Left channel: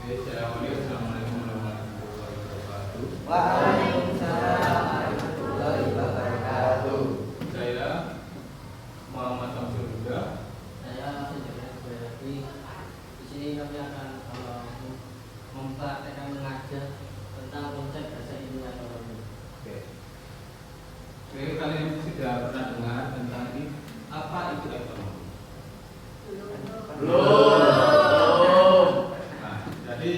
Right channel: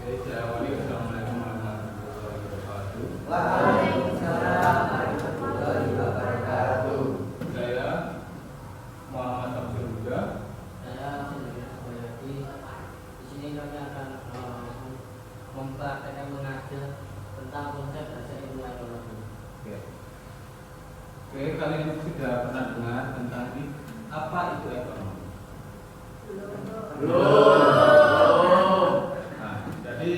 Assalamualaikum warahmatullahi wabarakatuh. Waalaikumsalam warahmatullahi wabarakatuh. Saya Muhammad Samsul Huda. Saya lagi di sini kami akan mempraktekkan mengajar tentang konsep bahasa ilmu ekonomi. Oke, kalian sudah pernah dengar tentang ini apa itu ekonomi? Belum. Nah, jadi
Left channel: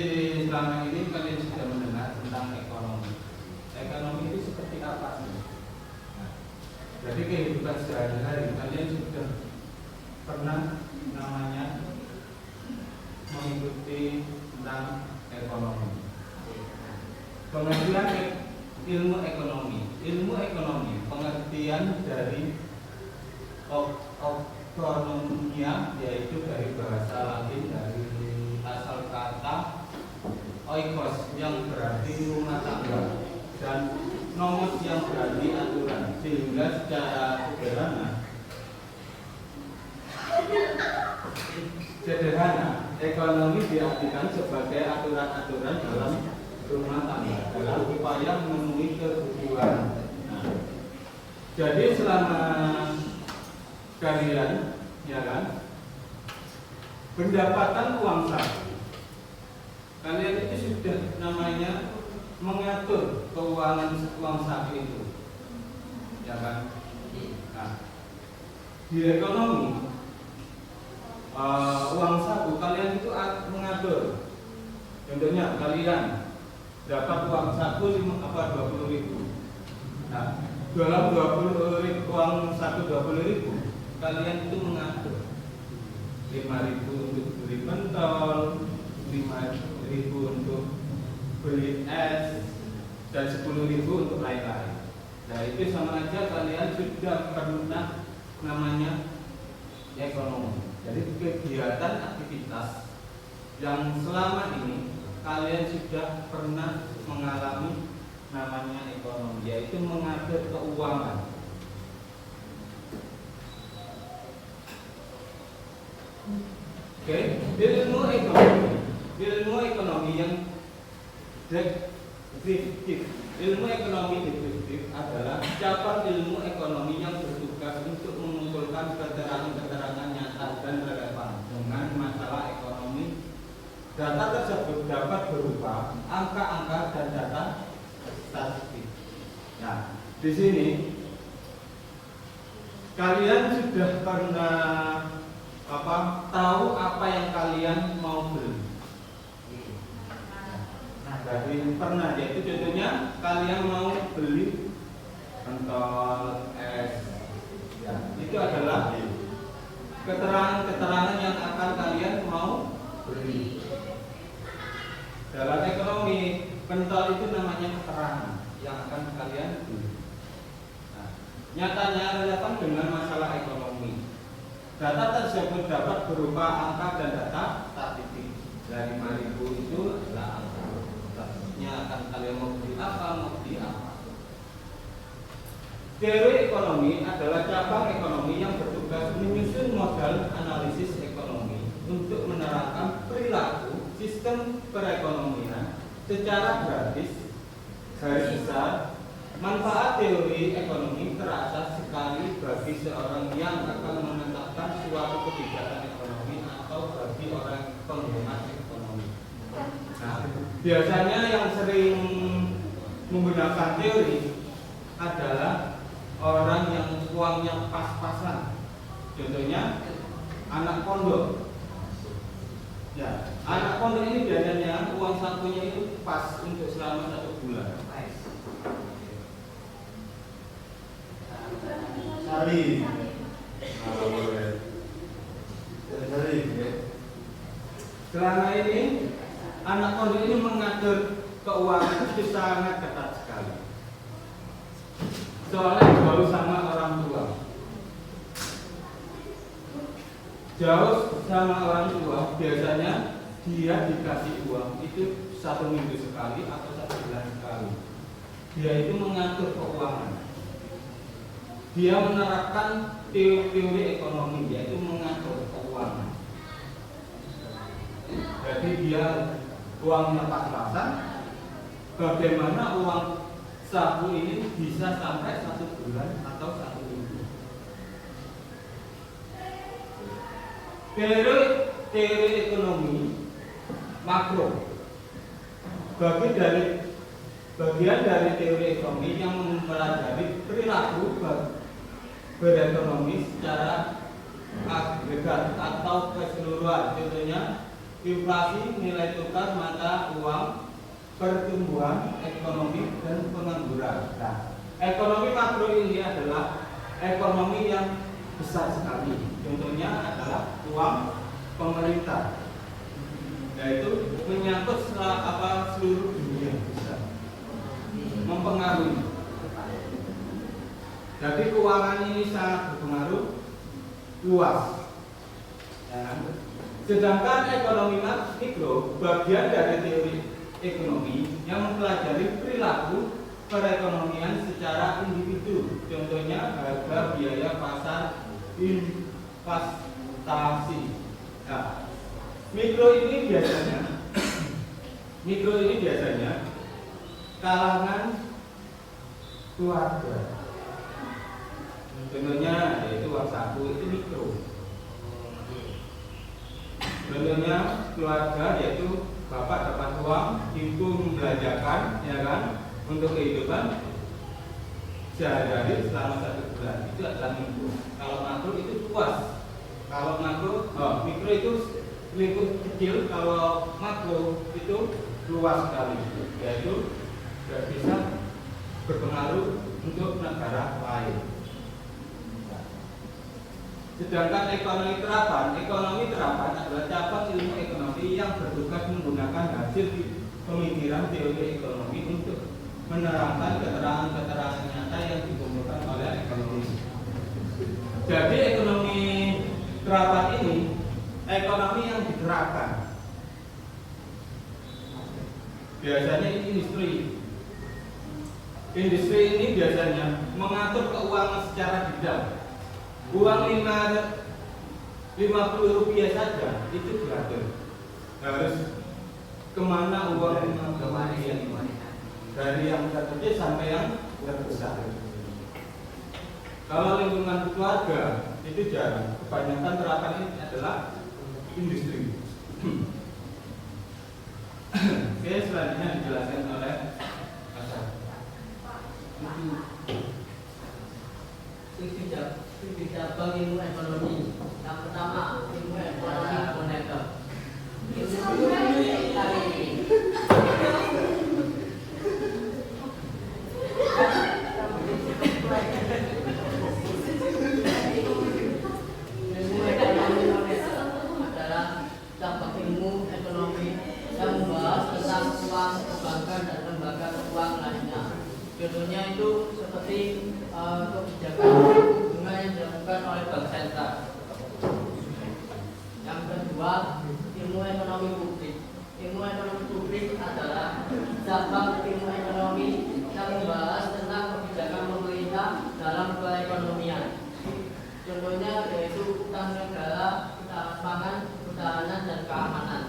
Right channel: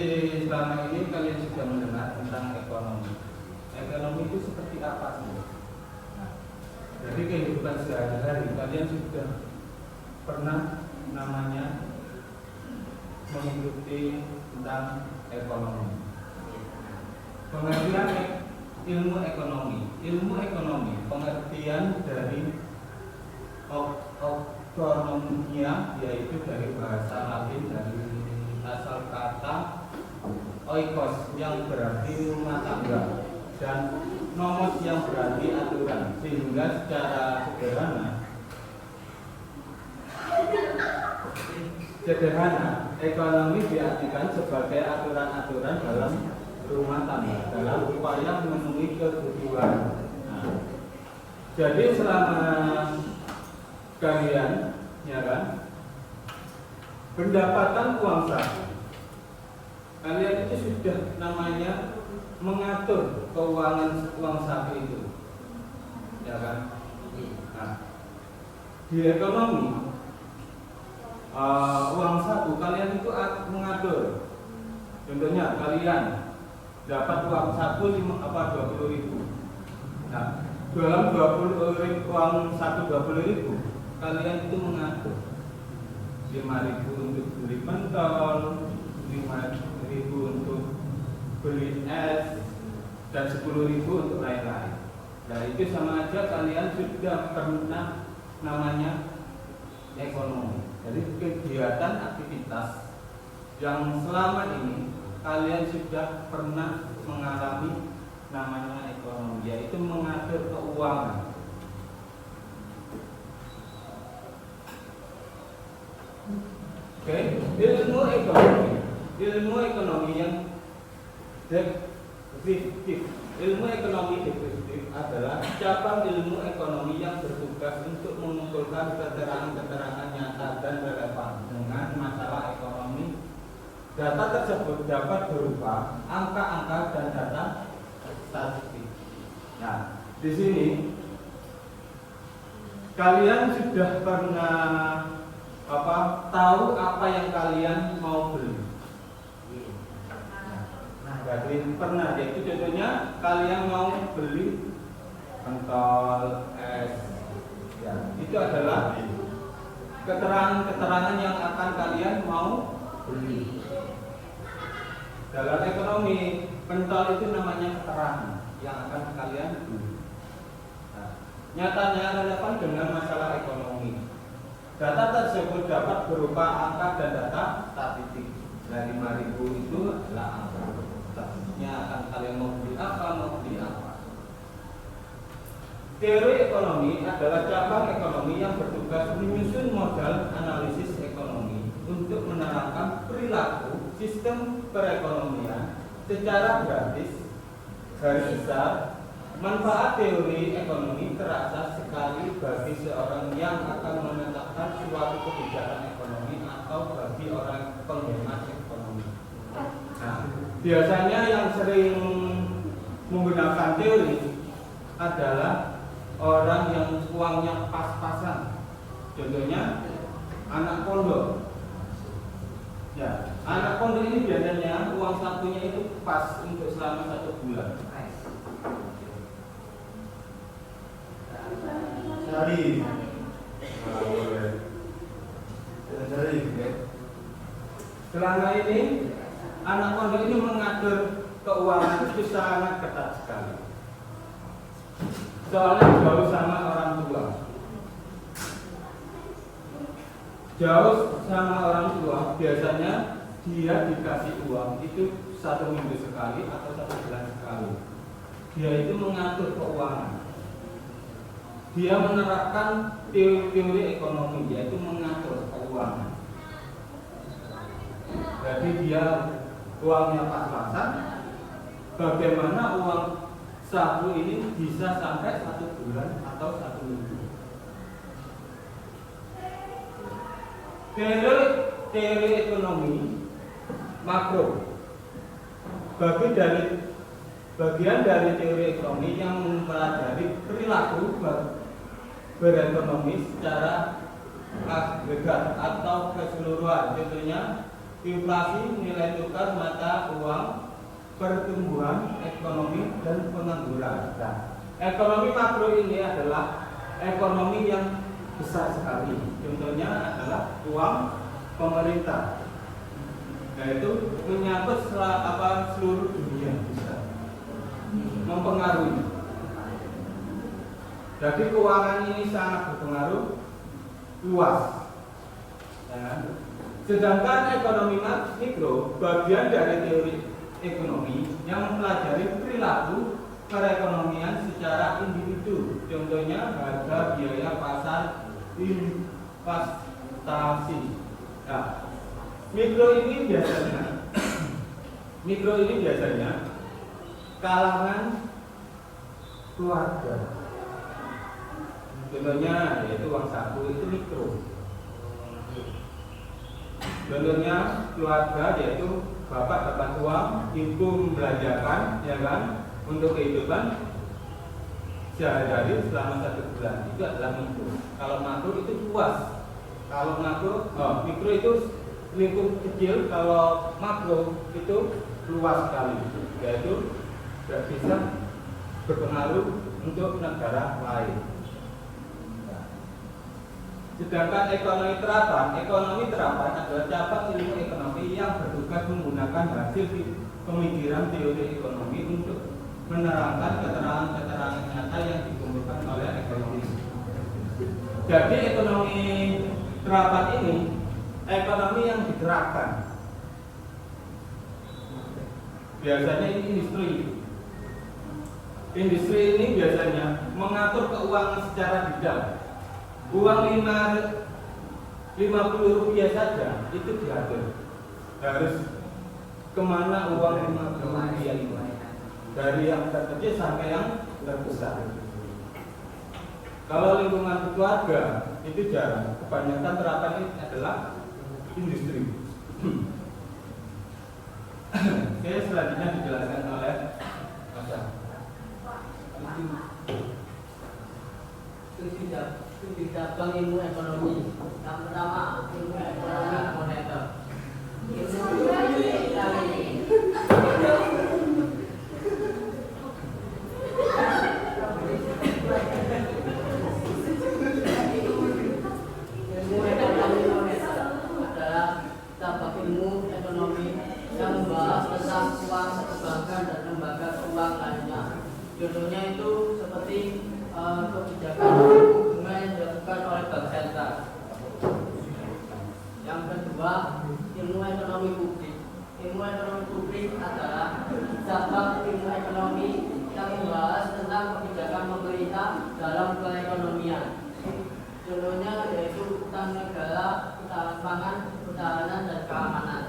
selama ini kalian sudah mendengar tentang ekonomi. Ekonomi itu seperti apa sih? Nah, jadi kehidupan sehari-hari kalian sudah pernah namanya mengikuti tentang ekonomi. Pengertian ilmu ekonomi. Ilmu ekonomi pengertian dari ekonomia yaitu dari bahasa Latin dari asal kata oikos yang berarti rumah tangga dan nomos yang berarti aturan, sehingga secara sederhana ekonomi diartikan sebagai aturan-aturan dalam rumah tangga dalam upaya memenuhi kebutuhan. Nah, jadi selama kalian, ya kan, pendapatan uang saku, kalian itu sudah namanya mengatur keuangan uang saku itu, ya kan? Nah, di ekonomi uang saku kalian itu mengatur. Contohnya kalian dapat uang saku 20.000. Nah, dalam 20.000 uang saku 20.000 kalian itu mengatur 5.000 untuk beli pentol, 5.000 untuk beli es, dan 10.000 untuk lain-lain. Nah, itu sama aja kalian sudah pernah namanya ekonomi. Jadi kegiatan aktivitas yang selama ini kalian sudah pernah mengalami namanya ekonomi, yaitu mengatur keuangan. Oke, ilmu ekonomi yang deskriptif. Ilmu ekonomi deskriptif adalah cabang ilmu ekonomi yang bertugas untuk mengumpulkan keterangan-keterangan nyata dan relevan dengan masalah ekonomi. Data tersebut dapat berupa angka-angka dan data statistik. Nah, di sini kalian sudah pernah tahu apa yang kalian mau beli. Nah, berarti pernah, yaitu contohnya kalian mau beli pentol, es, ya, itu adalah keterangan-keterangan yang akan kalian mau beli. Dalam ekonomi, pentol itu namanya keterangan yang akan kalian beli. Nah, nyatanya relevan dengan masalah ekonomi. Data tersebut dapat berupa angka dan data statistik. Dari 5.000 itu adalah angka. Statistiknya akan kalian mau beli apa. Teori ekonomi adalah cabang ekonomi yang bertugas menyusun modal analisis ekonomi untuk menerangkan perilaku sistem perekonomian secara gratis. Garis besar, manfaat teori ekonomi terasa sekali bagi seorang yang akan menetapkan suatu kebijakan ekonomi atau bagi orang penghemat ekonomi. Nah, biasanya yang sering menggunakan teori adalah orang yang uangnya pas-pasan. Contohnya anak pondok. Ya, anak pondok ini biasanya uang sakunya itu pas untuk selama 1 bulan. Sari. Boleh. Sari. Selama ini anak pondok ini mengatur keuangan itu sangat ketat sekali. Soalnya jauh sama orang tua. Jauh sama orang tua, biasanya dia dikasih uang itu 1 minggu sekali atau 1 bulan sekali. Dia itu mengatur keuangan. Dia menerapkan teori ekonomi, yaitu mengatur keuangan. Jadi dia uangnya pas-pasan, bagaimana uang saku ini bisa sampai 1 bulan atau 1 minggu. Teori ekonomi makro bagian dari teori ekonomi yang mempelajari perilaku berekonomi secara agregat atau keseluruhan. Contohnya inflasi, nilai tukar mata uang, pertumbuhan ekonomi dan pengangguran. Nah, ekonomi makro ini adalah ekonomi yang besar sekali. Contohnya adalah uang pemerintah. Yaitu menyangkut seluruh dunia bisa mempengaruhi. Jadi keuangan ini sangat berpengaruh luas. Sedangkan ekonomi mikro bagian dari teori ekonomi yang mempelajari perilaku perekonomian secara individu. Contohnya harga, biaya pasar, investasi. Nah, mikro ini biasanya kalangan keluarga. Contohnya yaitu uang saku itu mikro. Contohnya keluarga yaitu bapak dapat uang, ibu membelanjakan, ya kan, untuk kehidupan sehari-hari selama 1 bulan. Itu adalah mikro. Kalau makro itu luas. Kalau mikro itu lingkup kecil, kalau makro itu luas sekali, yaitu bisa berpengaruh untuk negara lain. Sedangkan ekonomi terapan adalah cabang ilmu ekonomi yang bertugas menggunakan hasil pemikiran teori ekonomi untuk menerangkan keterangan-keterangan nyata yang dikumpulkan oleh ekonomi. Jadi ekonomi terapan ini ekonomi yang diterapkan. Biasanya industri. Industri ini biasanya mengatur keuangan secara detail. Uang 50 rupiah saja itu diatur. Harus kemana uang 50 rupiah itu? Dari yang terkecil sampai yang terbesar. Kalau lingkungan keluarga itu jarang. Kebanyakan terapan ini adalah industri. Oke, selanjutnya dijelaskan oleh Mas. Itu cabang ilmu ekonomi. Yang pertama, ilmu ekonomi moneter. Ilmu ekonomi moneter adalah cabang ilmu ekonomi yang membahas tentang uang perbankan dan lembaga uang lainnya. Contohnya itu seperti kebijakan bunga yang dilakukan oleh bank sentral. Yang kedua, ilmu ekonomi publik. Ilmu ekonomi publik adalah cabang ilmu ekonomi yang membahas tentang kebijakan pemerintah dalam perekonomian. Contohnya yaitu utang negara, ketahanan pangan, pertahanan dan keamanan.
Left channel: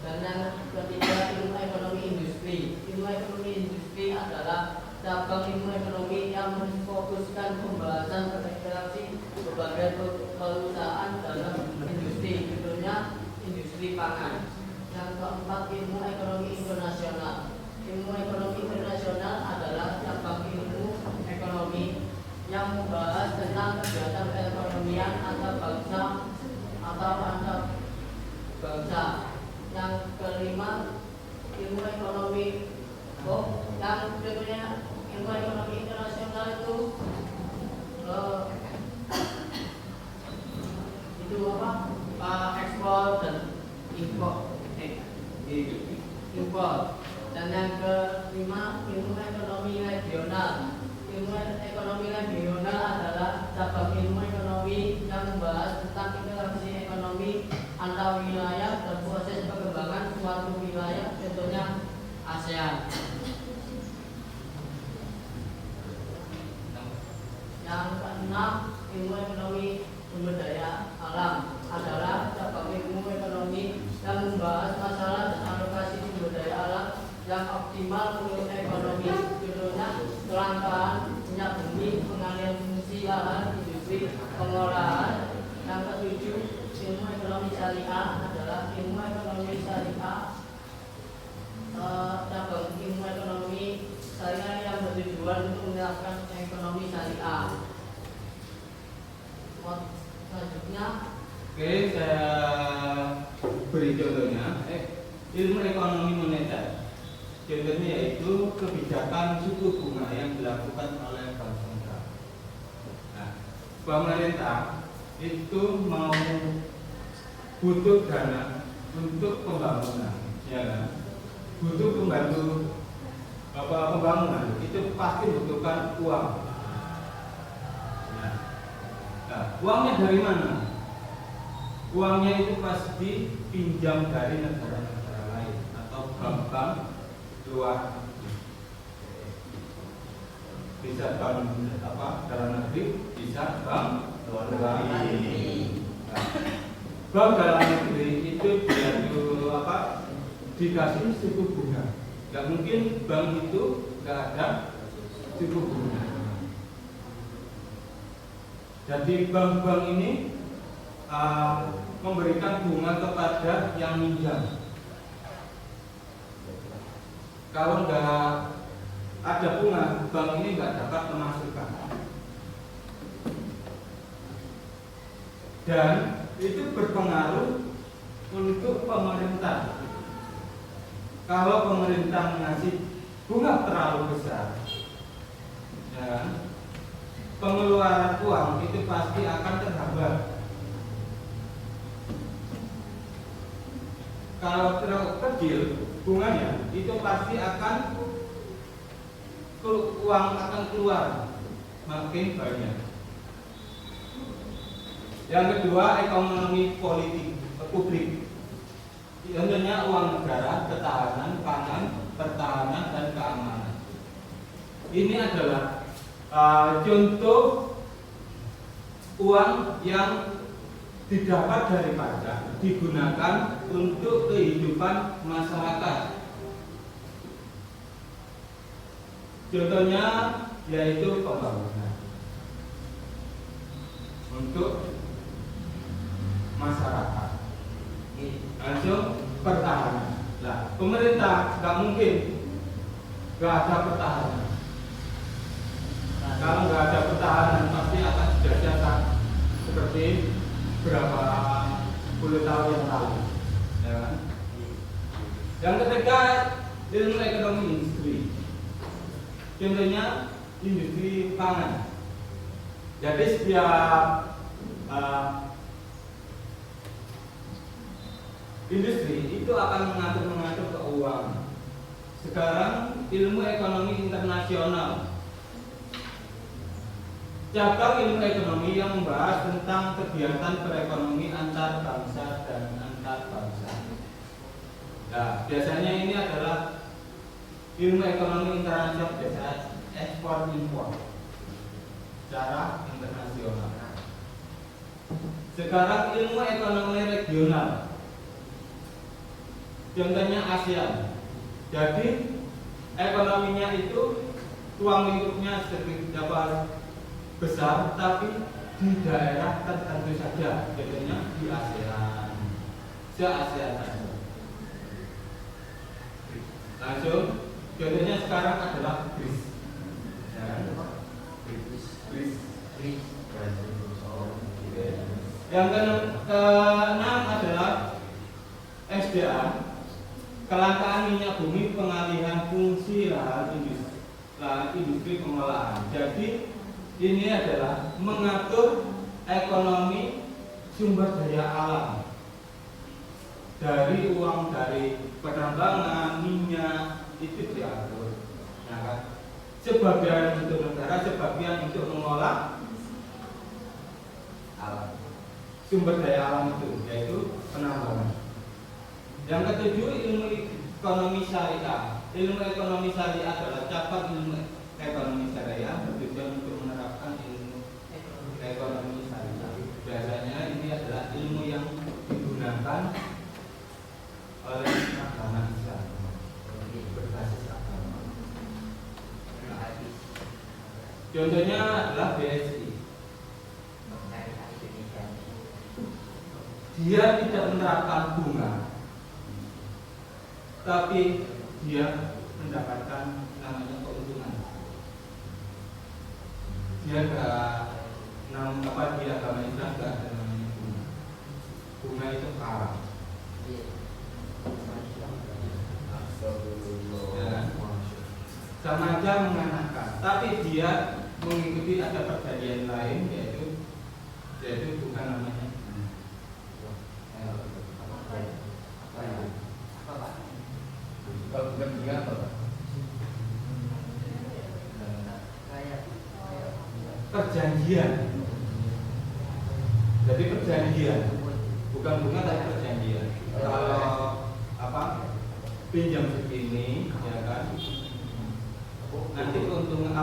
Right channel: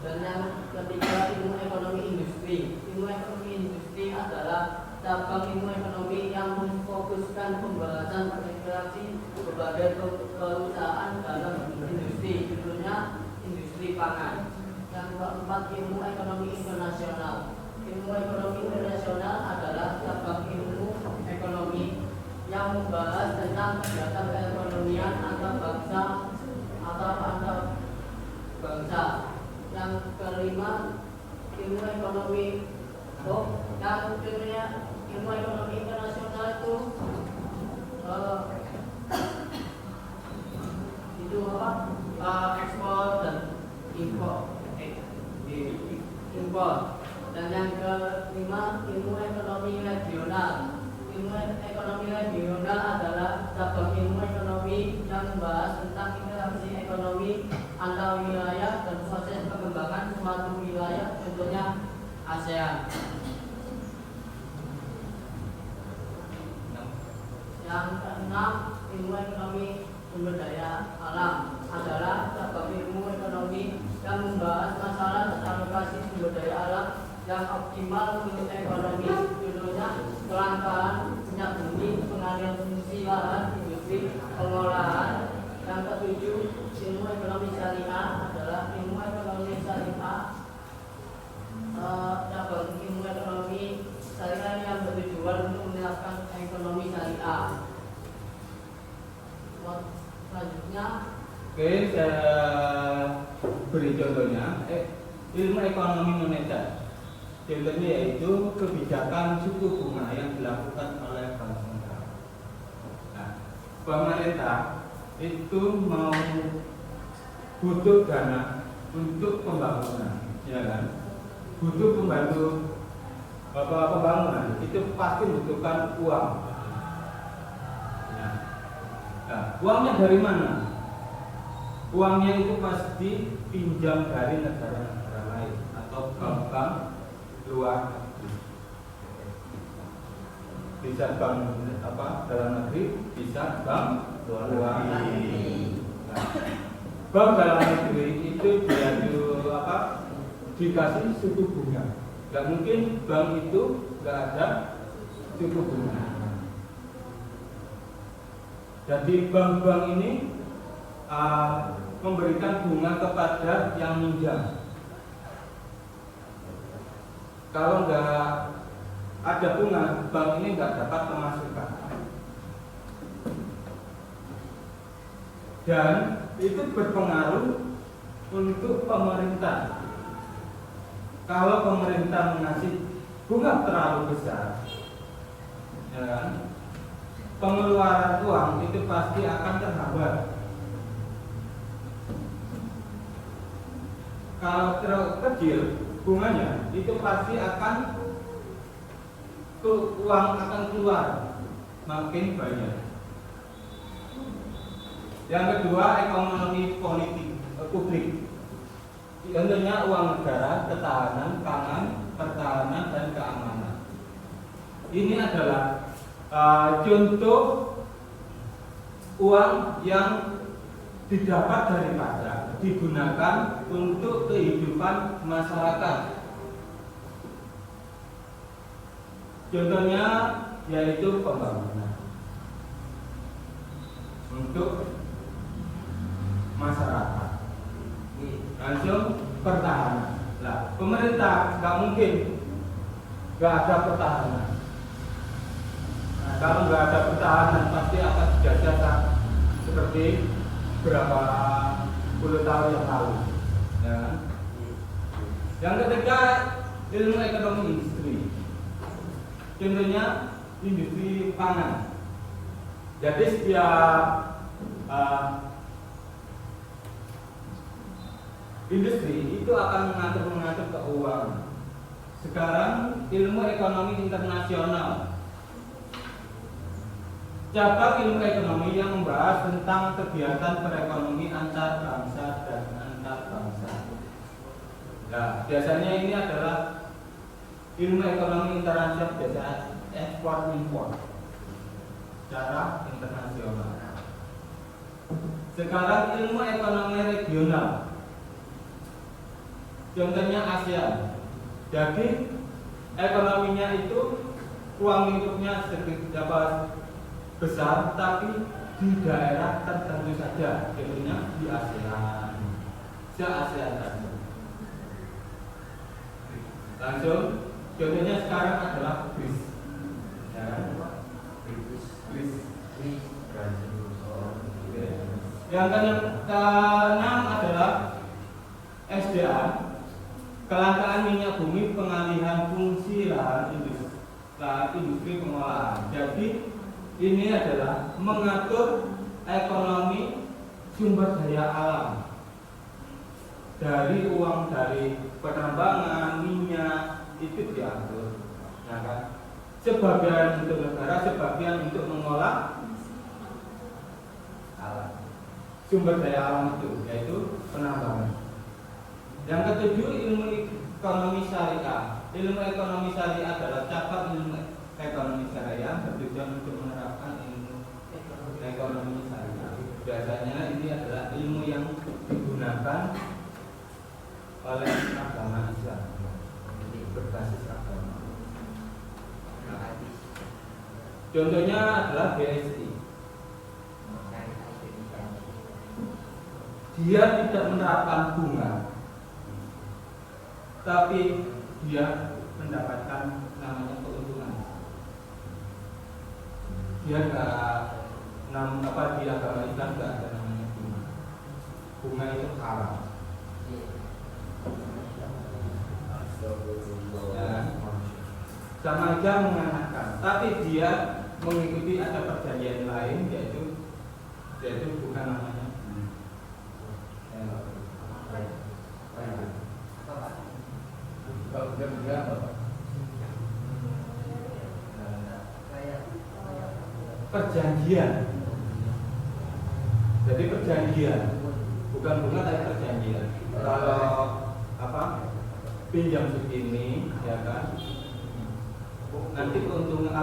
Dan yang ketiga, ilmu ekonomi industri. Ilmu ekonomi industri adalah cabang ilmu ekonomi yang memfokuskan pembahasan integrasi berbagai perusahaan dalam industri, contohnya industri pangan. Yang keempat, ilmu ekonomi internasional. Ilmu ekonomi internasional adalah cabang ilmu ekonomi yang membahas tentang kegiatan perekonomian antar bangsa atau antar bangsa. Yang kelima, ilmu ekonomi yang contohnya ilmu ekonomi internasional itu ekspor dan impor. Dan yang kelima, ilmu ekonomi regional. Ilmu ekonomi regional adalah cabang ilmu ekonomi yang membahas tentang interaksi ekonomi antar wilayah dan proses pengembangan suatu wilayah, contohnya ASEAN. Yang keenam, ilmu ekonomi sumber daya alam adalah cabang ilmu ekonomi yang membahas masalah dan alokasi yang optimal untuk ekonomi, contohnya kelangkaan minyak bumi, pengalihan fungsi lahan, industri, pengolahan. Yang ketujuh, ilmu ekonomi syariah adalah ilmu ekonomi syariah cabang ilmu ekonomi syariah yang bertujuan untuk menerapkan ekonomi syariah. Selanjutnya, oke, saya beri contohnya. Ilmu ekonomi moneter. Contohnya yaitu kebijakan suku bunga yang dilakukan oleh bank sentral. Nah, pemerintah itu mau butuh dana untuk pembangunan, ya kan? Butuh pembangunan itu pasti membutuhkan uang. Nah, uangnya dari mana? Uangnya itu pasti pinjam dari negara-negara lain atau bank-bank luar negeri. Bisa bank dalam negeri, bisa bank luar negeri. Nah, bank dalam negeri itu dikasih suku bunga. Gak mungkin bank itu gak ada suku bunga. Jadi bank-bank ini memberikan bunga kepada yang minjam. Kalau nggak ada bunga, bank ini nggak dapat pemasukan. Dan itu berpengaruh untuk pemerintah. Kalau pemerintah mengasih bunga terlalu besar, ya, pengeluaran uang itu pasti akan terhambat. Kalau terlalu kecil bunganya, itu pasti akan uang akan keluar makin banyak. Yang kedua, ekonomi politik publik. Contohnya uang negara, ketahanan pangan, pertahanan dan keamanan. Ini adalah contoh uang yang didapat dari pajak digunakan untuk kehidupan masyarakat. Contohnya yaitu pembangunan untuk masyarakat. Langsung pertahanan. Nah, pemerintah nggak mungkin nggak ada pertahanan. Nah, kalau nggak ada pertahanan pasti akan dijajah seperti berapa puluh tahun yang lalu. Ya. Yang ketiga, ilmu ekonomi industri. Contohnya industri pangan. Jadi setiap industri itu akan mengatur keuangan. Sekarang ilmu ekonomi internasional. Cabang ilmu ekonomi yang membahas tentang kegiatan perekonomian antar bangsa dan antar bangsa. Nah, biasanya ini adalah ilmu ekonomi internasional, biasa ekspor impor secara internasional. Sekarang ilmu ekonomi regional. Contohnya ASEAN. Jadi ekonominya itu ruang lingkupnya sedikit besar, tapi di daerah tertentu saja, contohnya di ASEAN, se-ASEAN saja. Langsung, contohnya sekarang adalah BRICS. Yang keenam adalah SDA, kelangkaan minyak bumi, pengalihan fungsi lahan industri pengolahan. Jadi ini adalah mengatur ekonomi sumber daya alam, dari uang dari penambangan minyak itu diatur, ya kan? Sebagian untuk negara, sebagian untuk mengolah alam, sumber daya alam itu, yaitu penambangan. Yang ketujuh, ilmu ekonomi syariah. Ilmu ekonomi syariah adalah cabang ilmu ekonomi syariah bertujuan untuk menerapkan ilmu ekonomi syariah. Biasanya ini adalah ilmu yang digunakan oleh agama Islam. Contohnya adalah BSI. Dia tidak menerapkan bunga, tapi dia mendapatkan namanya keuntungan. Dia di agama Islam nggak ada namanya bunga. Bunga itu haram. Sama aja mengenakan, tapi dia mengikuti ada perjanjian lain, yaitu bukan namanya. Kalau bukan dia apa Pak? Perjanjian. Jadi perjanjian, bukan bunga tapi perjanjian. Kalau pinjam segini, ya kan? Nanti keuntungan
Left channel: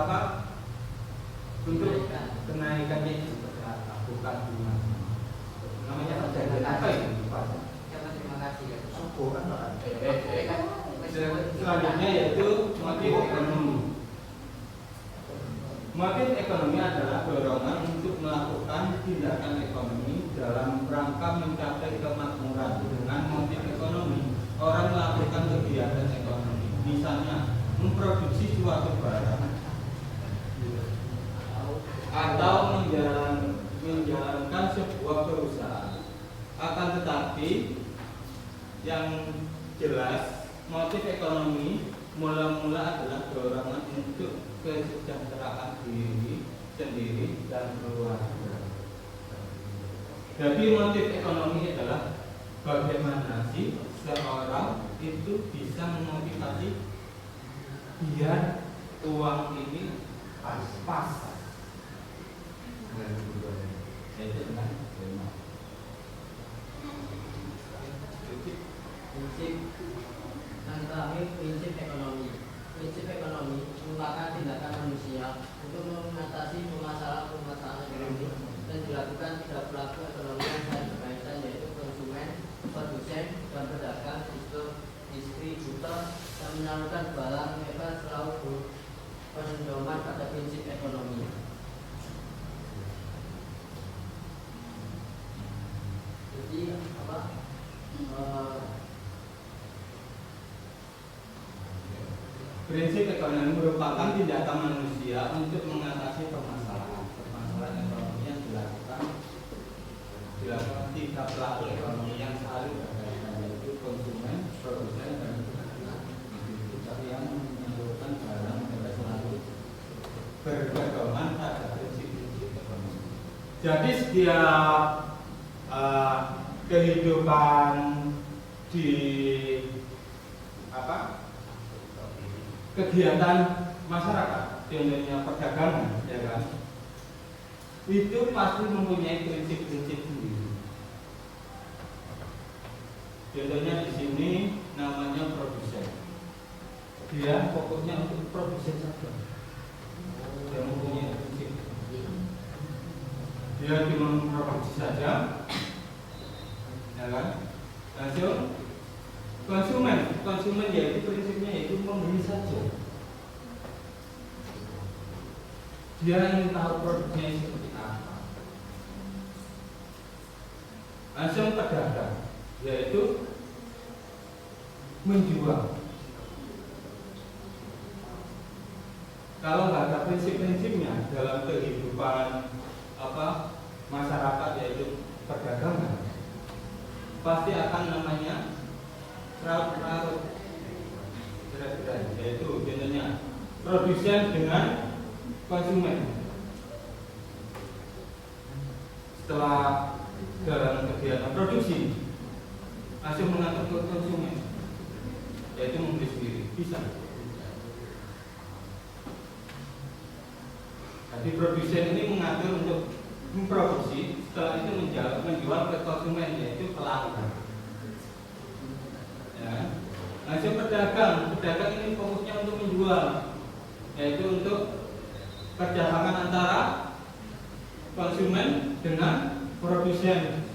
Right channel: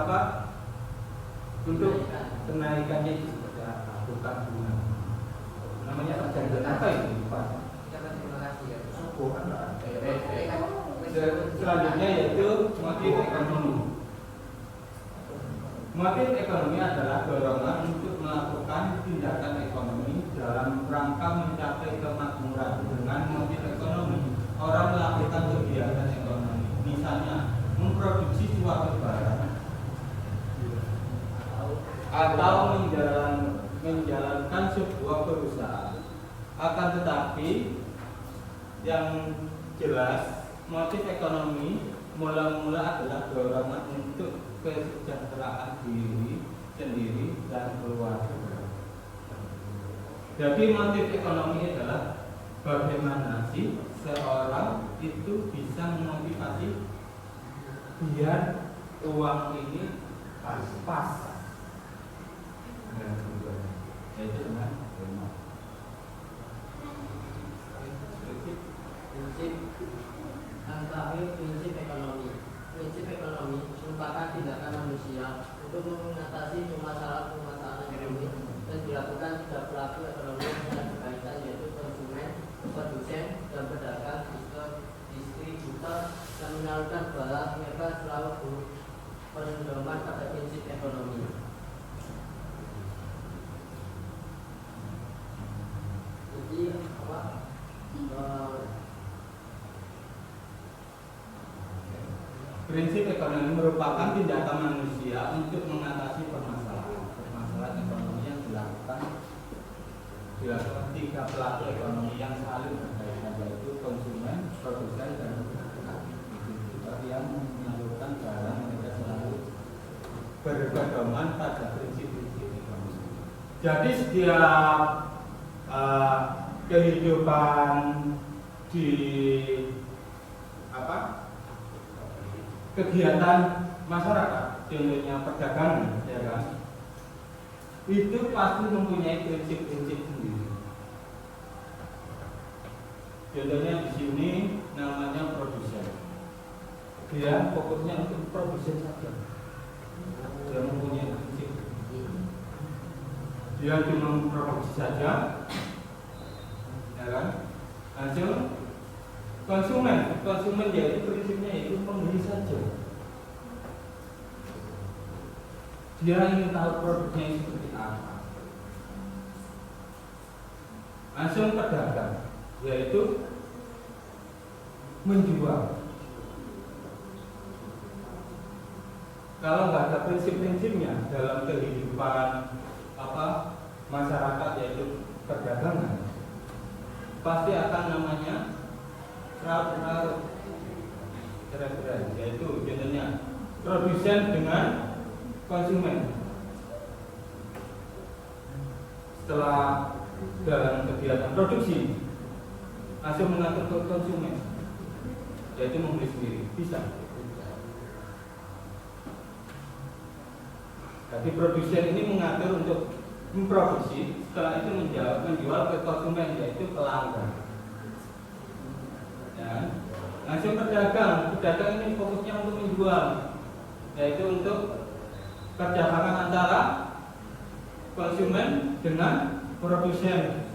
untuk kenaikannya itu seperti apa? Bukan bunga. Namanya perjanjian apa itu? Terima kasih ya. Selanjutnya yaitu motif ekonomi. Motif ekonomi adalah dorongan untuk melakukan tindakan ekonomi dalam rangka mencapai kemakmuran. Dengan motif ekonomi, orang melakukan kegiatan ekonomi, misalnya memproduksi suatu barang atau menjalankan sebuah perusahaan. Akan tetapi yang jelas motif ekonomi mula-mula adalah dorongan untuk kesejahteraan diri sendiri dan keluarga. Jadi motif ekonomi adalah bagaimana sih seorang itu bisa memotivasi biar uang ini pas. Yaitu dengan Prinsip yang terakhir, prinsip ekonomi. Prinsip ekonomi merupakan tindakan manusia untuk mengatasi permasalahan ekonomi dan dilakukan pada pelaku ekonomi yang berkaitan, yaitu konsumen, produsen, dan pedagang, distributor yang menyalurkan barang. Mereka selalu berpedoman pada prinsip ekonomi. Jadi prinsip ekonomi merupakan tindakan manusia untuk mengatasi permasalahan ekonomi yang dilakukan tiga pelaku ekonomi yang saling berkaitan, yaitu konsumen, produsen, dan distributor yang menyalurkan barang. Mereka selalu berpedoman pada prinsip-prinsip ekonomi. Jadi setiap kehidupan di kegiatan masyarakat, contohnya perdagangan, ya kan? Itu pasti mempunyai prinsip-prinsip sendiri. Contohnya di sini namanya produsen. Dia fokusnya untuk produsen saja. Dia mempunyai prinsip. Dia cuma memproduksi saja, ya kan? Langsung konsumen yaitu prinsipnya yaitu membeli saja. Dia ingin tahu produknya seperti apa. Langsung pedagang yaitu menjual. Kalau nggak ada prinsip-prinsipnya dalam kehidupan masyarakat, yaitu perdagangan, pasti akan namanya raut-raut, yaitu contohnya produsen dengan konsumen. Setelah dalam kegiatan produksi langsung mengatur ke konsumen, yaitu membeli sendiri, bisa. Jadi produsen ini mengatur untuk memproduksi, setelah itu menjual ke konsumen, yaitu pelanggan. Ya. Langsung pedagang ini fokusnya untuk menjual, yaitu untuk perdagangan antara konsumen dengan produsen.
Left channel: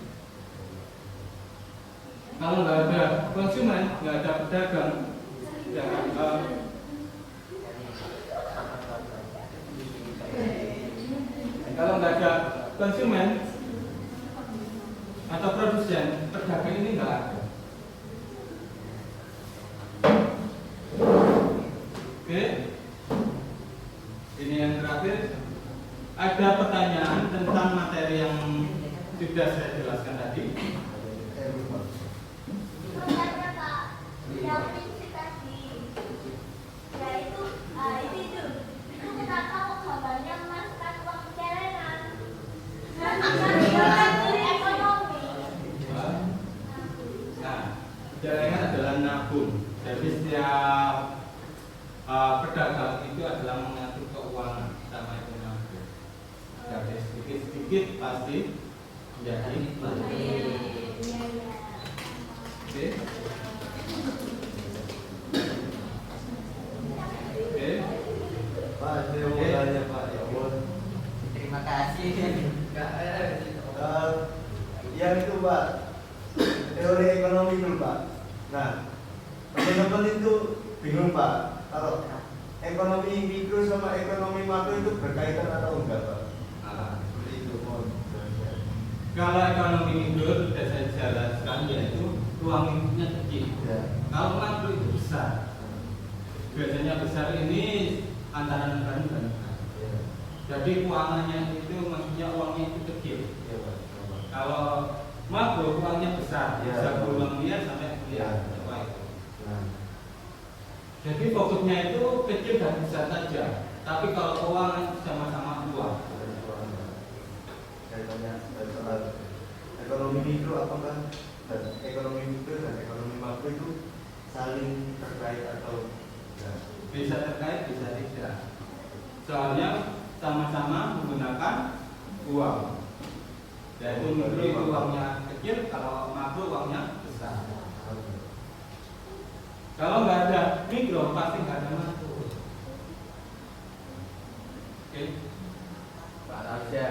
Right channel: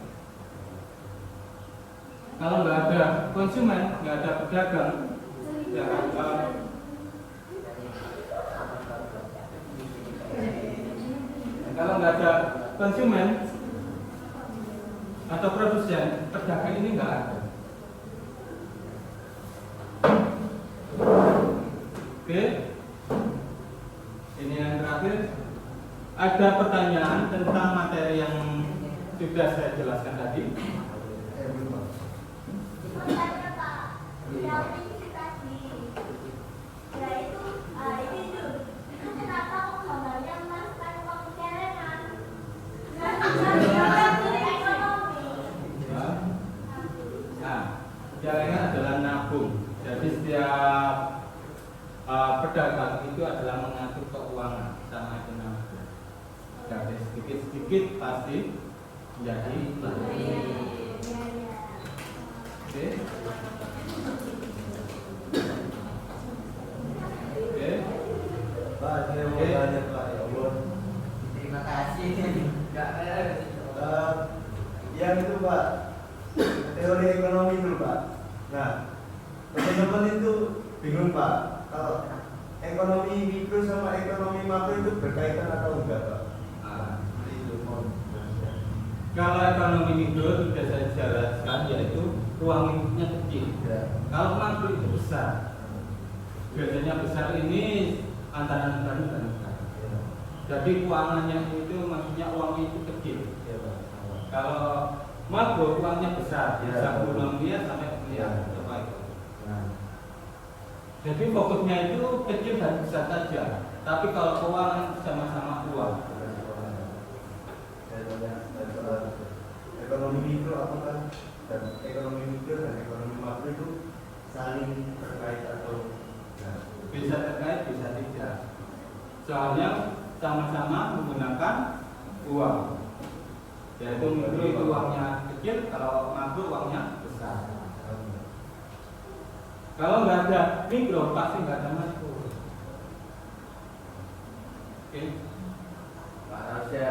Kalau nggak ada konsumen, nggak ada pedagang, ya kan? Kalau nggak ada konsumen atau produsen, pedagang ini nggak ada. Oke, ini yang terakhir. Ada pertanyaan tentang materi yang sudah saya jelaskan tadi. Jaringan adalah nabung. Jadi setiap pedagang itu adalah mengatur keuangan sama itu nabung. Jadi sedikit-sedikit pasti menjadi banyak. Oke. Oke. Pak, saya mau tanya Pak, ya Allah. Terima kasih. Yang itu Pak, teori ekonomi dulu Pak. Nah, teman-teman itu bingung Pak, kalau ekonomi mikro sama ekonomi makro itu berkaitan atau enggak Pak? Itu mohon. Kalau ekonomi mikro sudah saya jelaskan, yaitu ruang lingkupnya kecil. Ya. Kalau makro itu besar. Biasanya besar ini antara negara dan negara. Ya. Jadi keuangannya itu maksudnya uangnya itu kecil. Ya Pak. Kalau makro uangnya besar, Ya. bisa puluhan miliar sampai miliar. Ya. Nah, Jadi fokusnya itu kecil dan besar saja. Tapi kalau keuangan sama-sama uang. saya tanya soal ekonomi mikro apakah dan ekonomi mikro dan ekonomi makro itu saling terkait atau enggak? Bisa terkait, bisa tidak. Soalnya sama-sama menggunakan uang. Yaitu mikro itu uangnya kecil, kalau makro uangnya besar. Kalau nggak ada mikro pasti nggak ada makro. Oke. Pak Raja,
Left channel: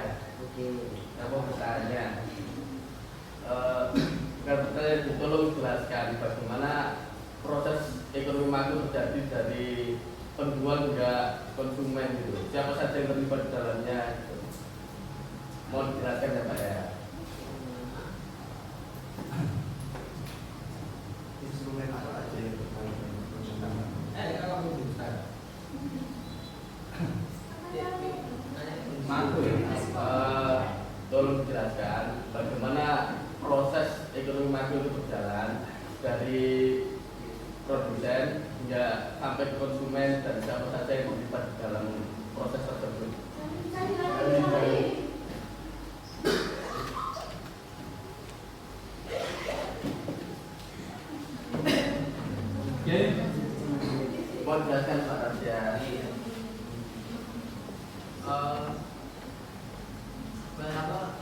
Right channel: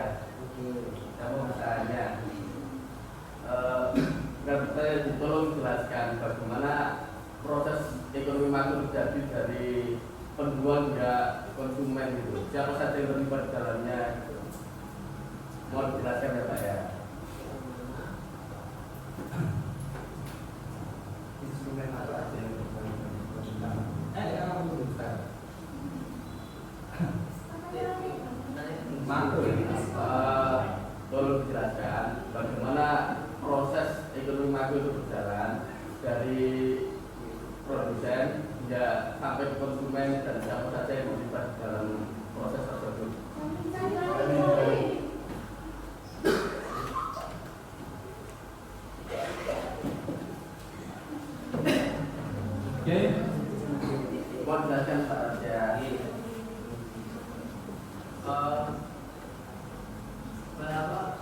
kamu bertanya, tolong jelaskan bagaimana proses ekonomi makro terjadi dari penjual hingga konsumen gitu. Siapa saja yang terlibat di dalamnya? Gitu. Mohon dijelaskan ya Pak ya. Instrumen apa aja yang bermain? Ya kamu bisa. Makro. Tolong dijelaskan bagaimana proses ekonomi makro itu berjalan dari produsen hingga sampai ke konsumen dan siapa saja yang terlibat dalam proses tersebut. Oke. Mohon jelaskan Pak Raja. Berapa?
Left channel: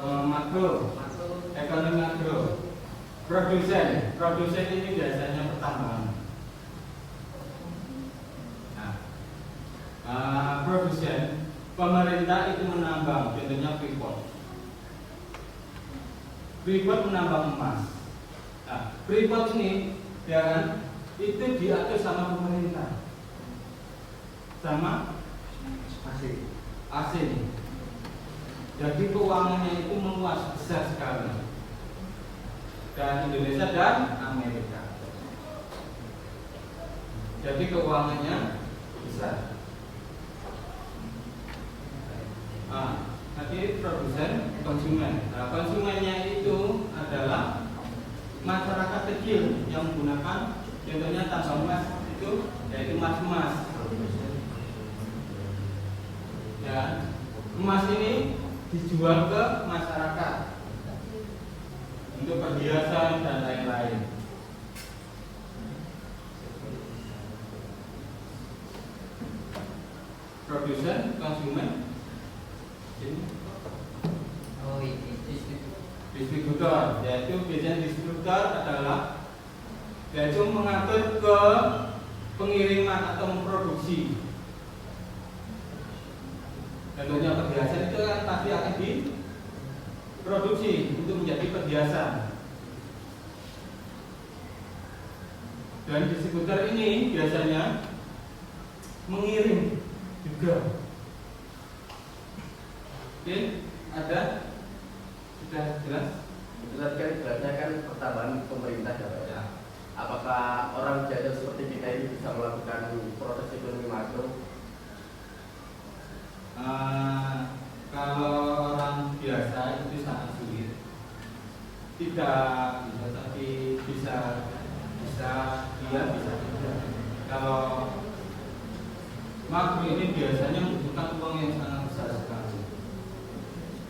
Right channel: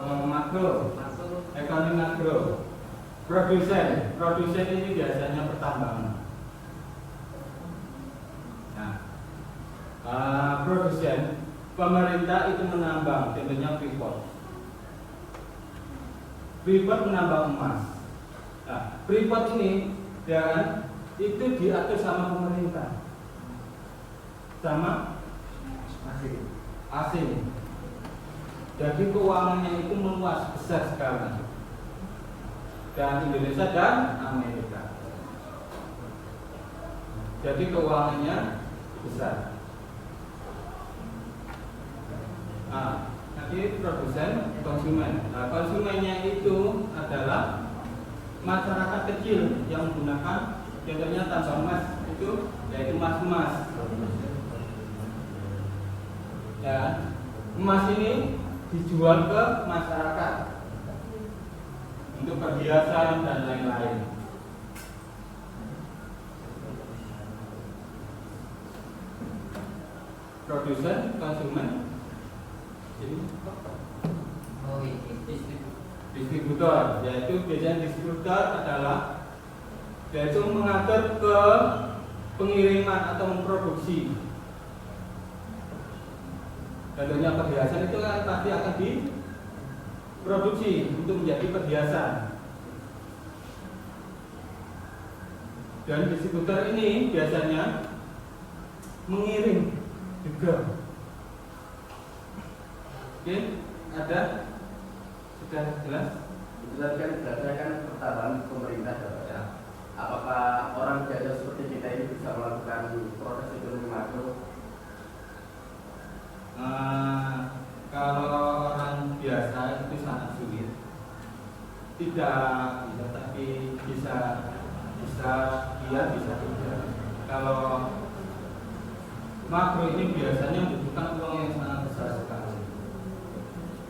Makro, ekonomi makro. Produsen ini biasanya pertambangan. Nah, produsen, pemerintah itu menambang, contohnya Freeport. Freeport menambang emas. Nah, Freeport ini, ya kan, itu diatur sama pemerintah, sama asing. Jadi keuangannya itu meluas besar sekali. Dan Indonesia dan Amerika. Jadi keuangannya besar. Nah, nanti produsen, konsumen. Nah, konsumennya itu adalah masyarakat kecil yang menggunakan, contohnya tambang emas itu, yaitu emas. Ya, emas ini dijual ke masyarakat untuk perhiasan dan lain-lain. Produsen, konsumen, distributor, yaitu biasanya distributor adalah yaitu mengatur ke pengiriman atau memproduksi. Contohnya perhiasan itu kan pasti akan diproduksi untuk menjadi perhiasan. Dan distributor ini biasanya mengirim juga. Oke, ada? Sudah jelas? Itu tadi kan jelasnya kan pertambahan pemerintah ya. Apakah orang biasa seperti kita ini bisa melakukan proses ekonomi makro? Kalau orang biasa itu sangat sulit. Tidak bisa, tapi bisa dia bisa juga. Kalau makro ini biasanya membutuhkan uang yang sangat besar sekali,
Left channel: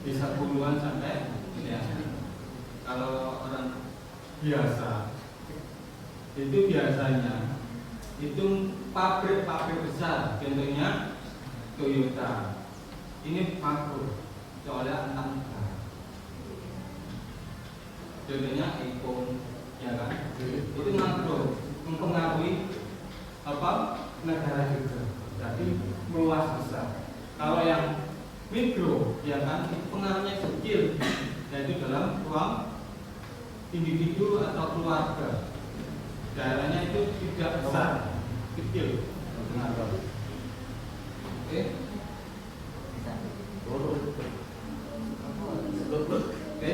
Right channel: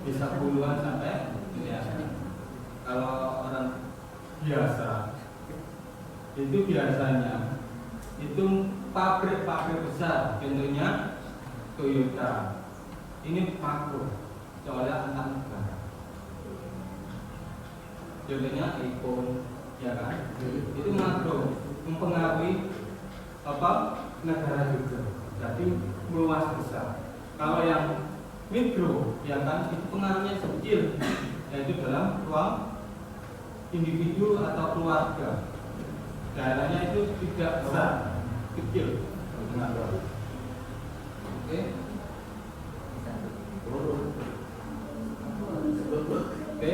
bisa puluhan sampai miliaran. Kalau orang biasa itu biasanya itu pabrik-pabrik besar, contohnya Toyota. Ini makro, soalnya anak negara. Contohnya iPhone, ya kan? Itu makro, mempengaruhi negara juga. Jadi meluas besar. Kalau yang mikro, ya kan, itu pengaruhnya kecil, yaitu dalam ruang individu atau keluarga. Daerahnya itu tidak besar, kecil. Oke. Oke.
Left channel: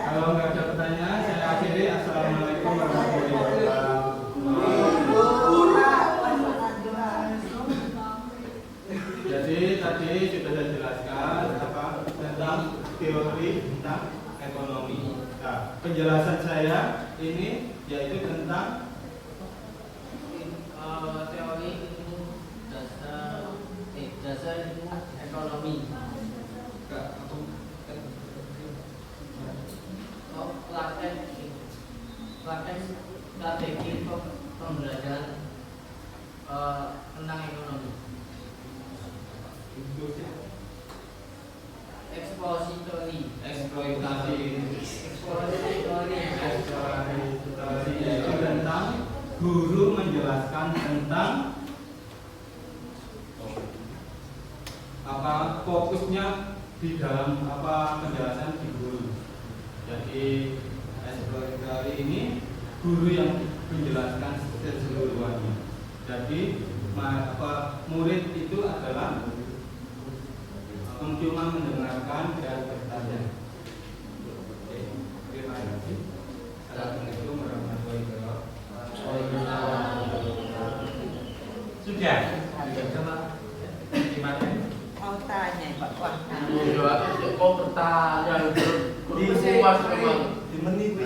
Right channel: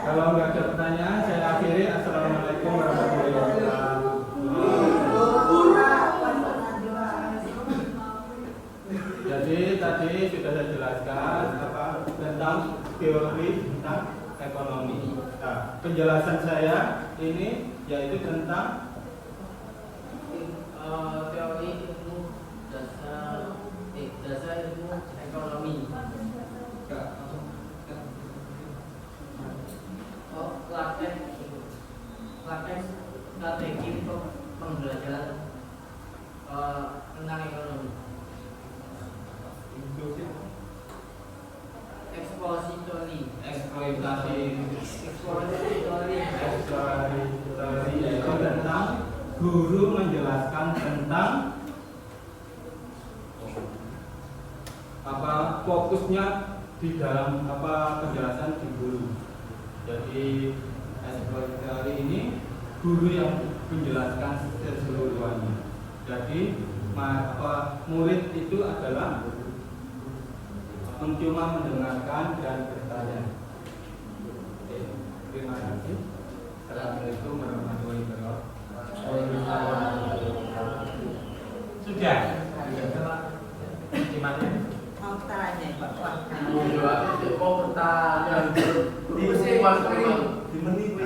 Kalau nggak ada pertanyaan, saya akhiri. Assalamualaikum warahmatullahi wabarakatuh. Jadi tadi sudah saya jelaskan tentang teori tentang ekonomi. Nah, penjelasan saya ini yaitu tentang teori ilmu dasar ilmu ekonomi. Praktek strategi pembelajaran tentang ekonomi. Eksploitasi yaitu tentang guru menjelaskan tentang fokusnya di dalam penjelasan di guru. Jadi eksploitasi ini guru yang menjelaskan keseluruhannya. Jadi murid itu adalah cuma mendengarkan dan bertanya. Oke, terima kasih. Assalamualaikum warahmatullahi wabarakatuh. Sudah. Gimana? Mau tanya Pak Wah. Mau bertanya, semua di menit